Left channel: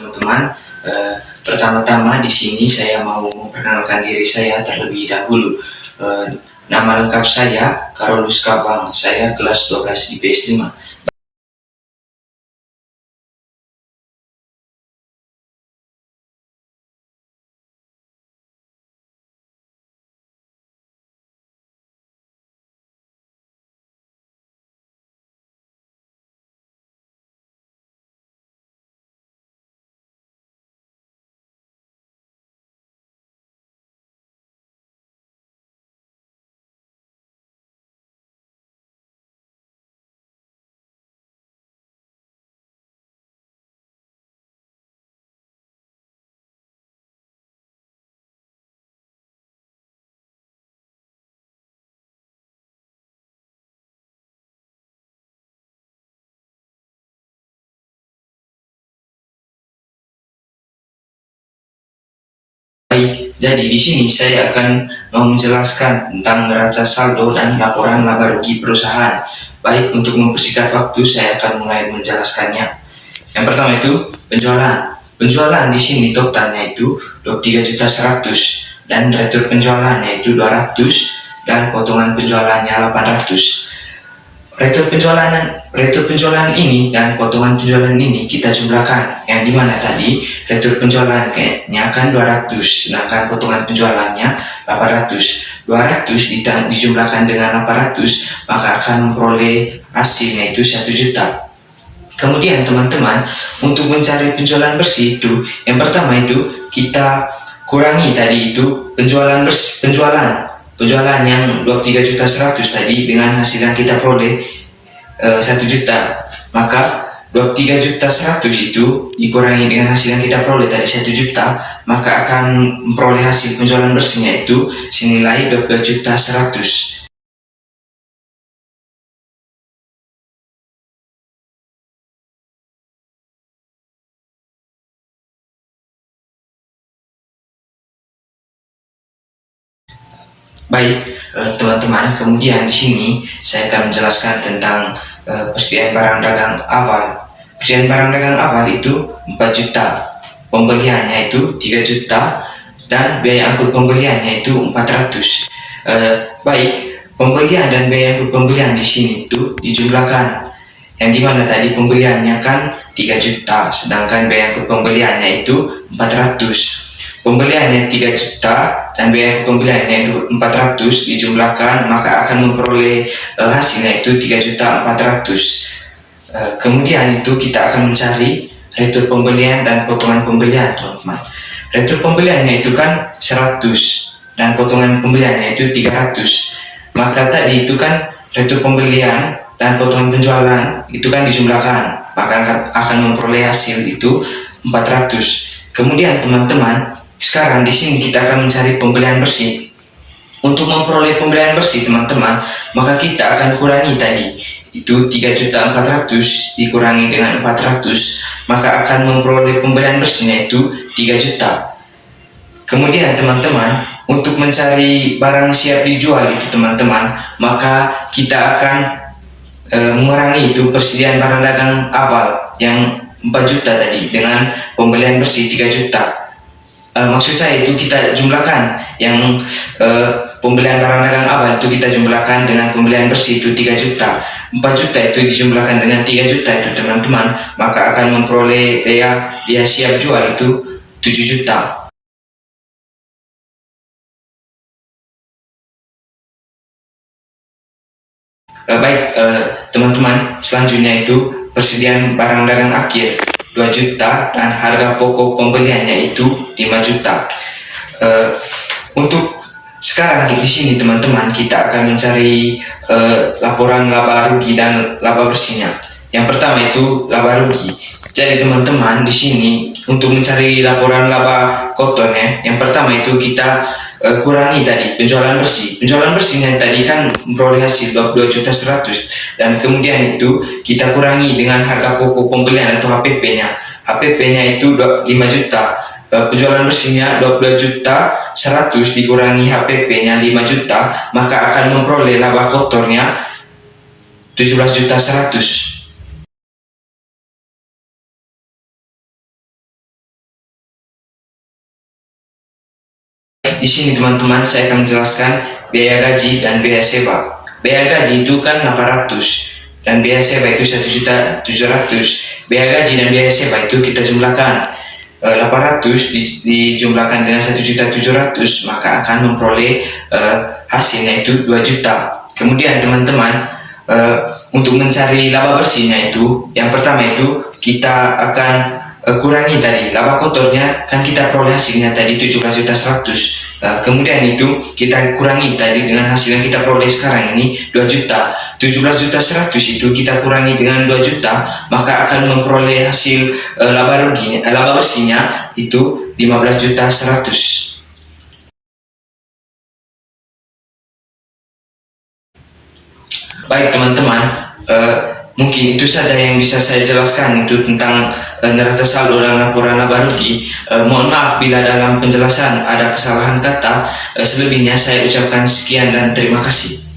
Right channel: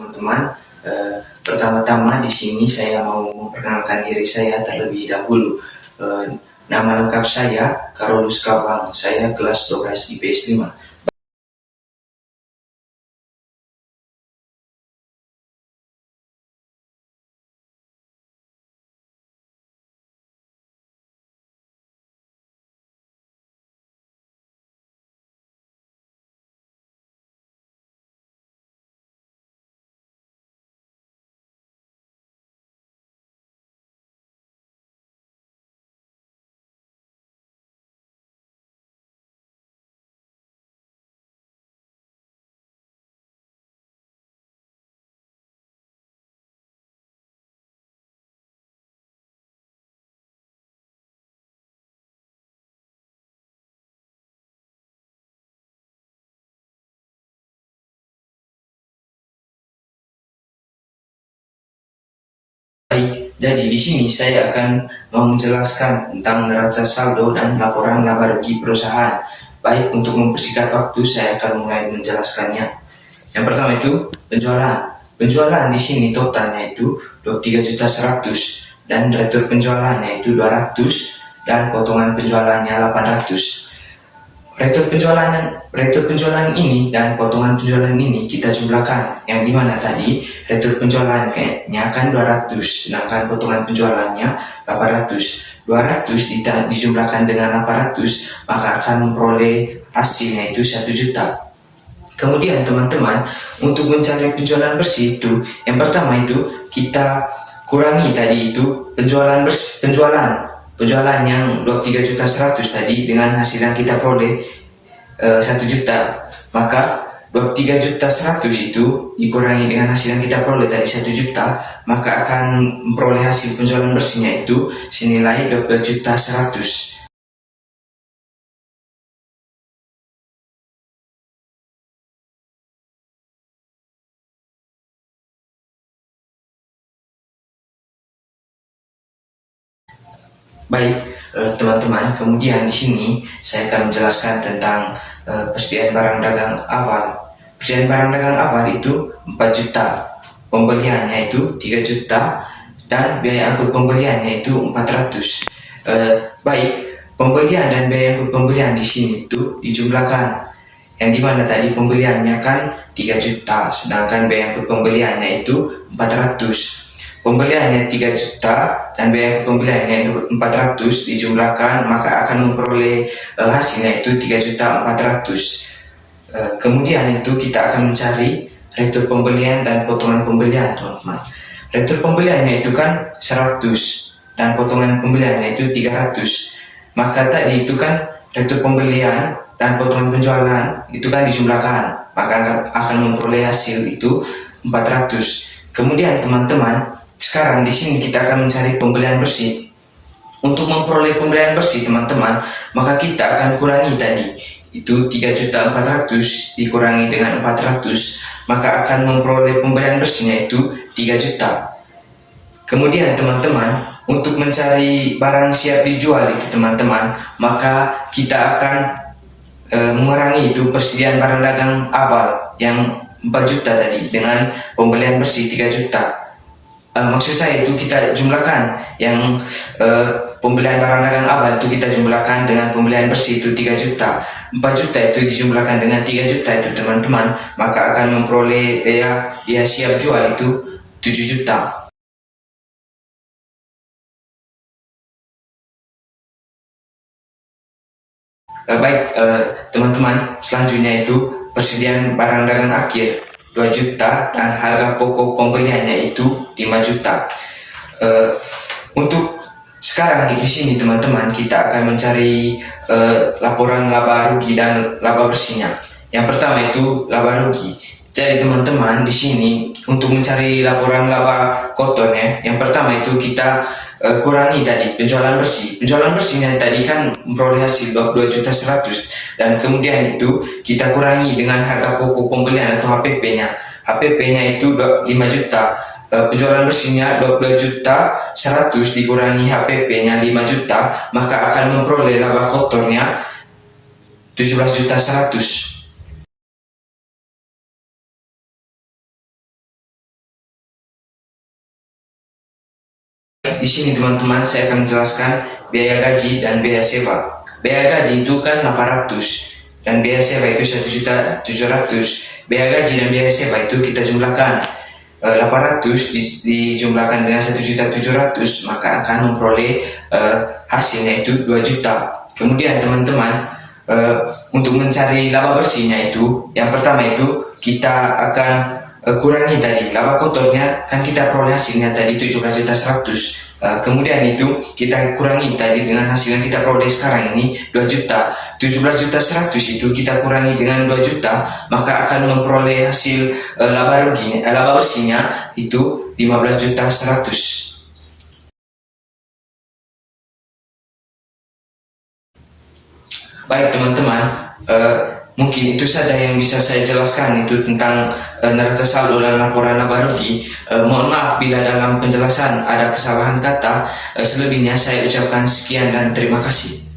Teman-teman, pertama-tama di sini saya mau memperkenalkan diri saya terlebih dahulu. Nama lengkap saya Carolus Kavang, saya kelas 12 IPS 5. Baik, jadi di sini saya akan menjelaskan tentang neraca saldo dan laporan laba rugi perusahaan. Baik, untuk mempersingkat waktu, saya akan mulai menjelaskannya. Yang pertama itu penjualan. Penjualan di sini totalnya itu 23.100.000 dan retur penjualannya itu 200 dan potongan penjualannya 800. Retur penjualan ini dan potongan penjualan ini kita jumlahkan, yang dimana tadi retur penjualannya kan 200 sedangkan potongan penjualannya 800. 200 dijumlahkan dengan 800 maka akan memperoleh hasilnya itu 1 juta. Kemudian teman-teman, untuk mencari penjualan bersih itu yang pertama itu kita kurangi tadi itu penjualan yang 23.100.000 tadi dengan hasil yang kita peroleh 1 juta. Maka 23.100.000 itu dikurangi dengan hasil yang kita peroleh tadi 1 juta, maka akan memperoleh hasil penjualan bersihnya itu senilai 22.100.000. Baik, teman-teman, kemudian di sini saya akan menjelaskan tentang persediaan barang dagang awal. Persediaan barang dagang awal itu 4 juta, pembeliannya itu 3 juta, dan biaya angkut pembeliannya itu 400. Baik, pembelian dan biaya angkut pembelian di sini itu dijumlahkan, yang dimana tadi pembeliannya kan 3 juta, sedangkan biaya angkut pembeliannya itu 400. Pembeliannya 3 juta dan biaya pembeliannya itu 400 dijumlahkan maka akan memperoleh hasilnya itu 3.400.000. Kemudian itu kita akan mencari retur pembelian dan potongan pembelian, teman-teman. Retur pembeliannya itu kan 100 dan potongan pembeliannya itu 300. Maka tadi itu kan retur pembelian dan potongan penjualan itu kan dijumlahkan maka akan memperoleh hasil itu 400. Kemudian teman-teman, sekarang di sini kita akan mencari pembelian bersih. Untuk memperoleh pembelian bersih, teman-teman, maka kita akan kurangi tadi itu 3.400.000 dikurangi dengan 400, maka akan memperoleh pembelian bersihnya itu 3 juta. Kemudian teman-teman, untuk mencari barang siap dijual itu teman-teman, maka kita akan mengurangi itu persediaan barang dagang awal yang 4 juta tadi dengan pembelian bersih 3 juta. Maksud saya itu kita jumlahkan yang pembelian barang dagang awal itu kita jumlahkan dengan pembelian bersih itu 3 juta. 4 juta itu dijumlahkan dengan 3 juta itu teman-teman, maka akan memperoleh biaya siap jual itu 7 juta. Baik, teman-teman, selanjutnya itu persediaan barang dagang akhir 2 juta dan harga pokok pembeliannya itu 5 juta. Untuk sekarang di sini teman-teman kita akan mencari laporan laba rugi dan laba bersihnya. Yang pertama itu laba rugi. Jadi teman-teman, di sini untuk mencari laporan laba kotornya, yang pertama itu kita kurangi tadi penjualan bersih. Penjualan bersihnya tadi kan memperoleh hasil 22.100.000 dan kemudian itu kita kurangi dengan harga pokok pembelian atau HPP-nya. HPP-nya itu 5 juta. Penjualan bersihnya 22.100.000 dikurangi HPP-nya 5 juta, maka akan memperoleh laba kotornya 17.100.000. di sini teman-teman saya akan menjelaskan biaya gaji dan biaya sewa. Biaya gaji itu kan 800 dan biaya sewa itu 1.700.000. Biaya gaji dan biaya sewa itu kita jumlahkan 800 dijumlahkan dengan 1.700.000, maka akan memperoleh hasilnya itu 2 juta. Kemudian teman-teman, untuk mencari laba bersihnya itu, yang pertama itu kita akan kurangi tadi laba kotornya, kan kita peroleh hasilnya tadi 17.100.000. Kemudian itu kita kurangi tadi dengan hasil yang kita peroleh sekarang ini 2 juta. 17.100.000 itu kita kurangi dengan 2 juta, maka akan memperoleh hasil laba bersihnya itu 15.100.000. Baik teman-teman, mungkin itu saja yang bisa saya jelaskan itu tentang neraca saldo dan laporan laba rugi. Mohon maaf bila dalam penjelasan ada kesalahan kata. Selebihnya saya ucapkan sekian dan terima kasih.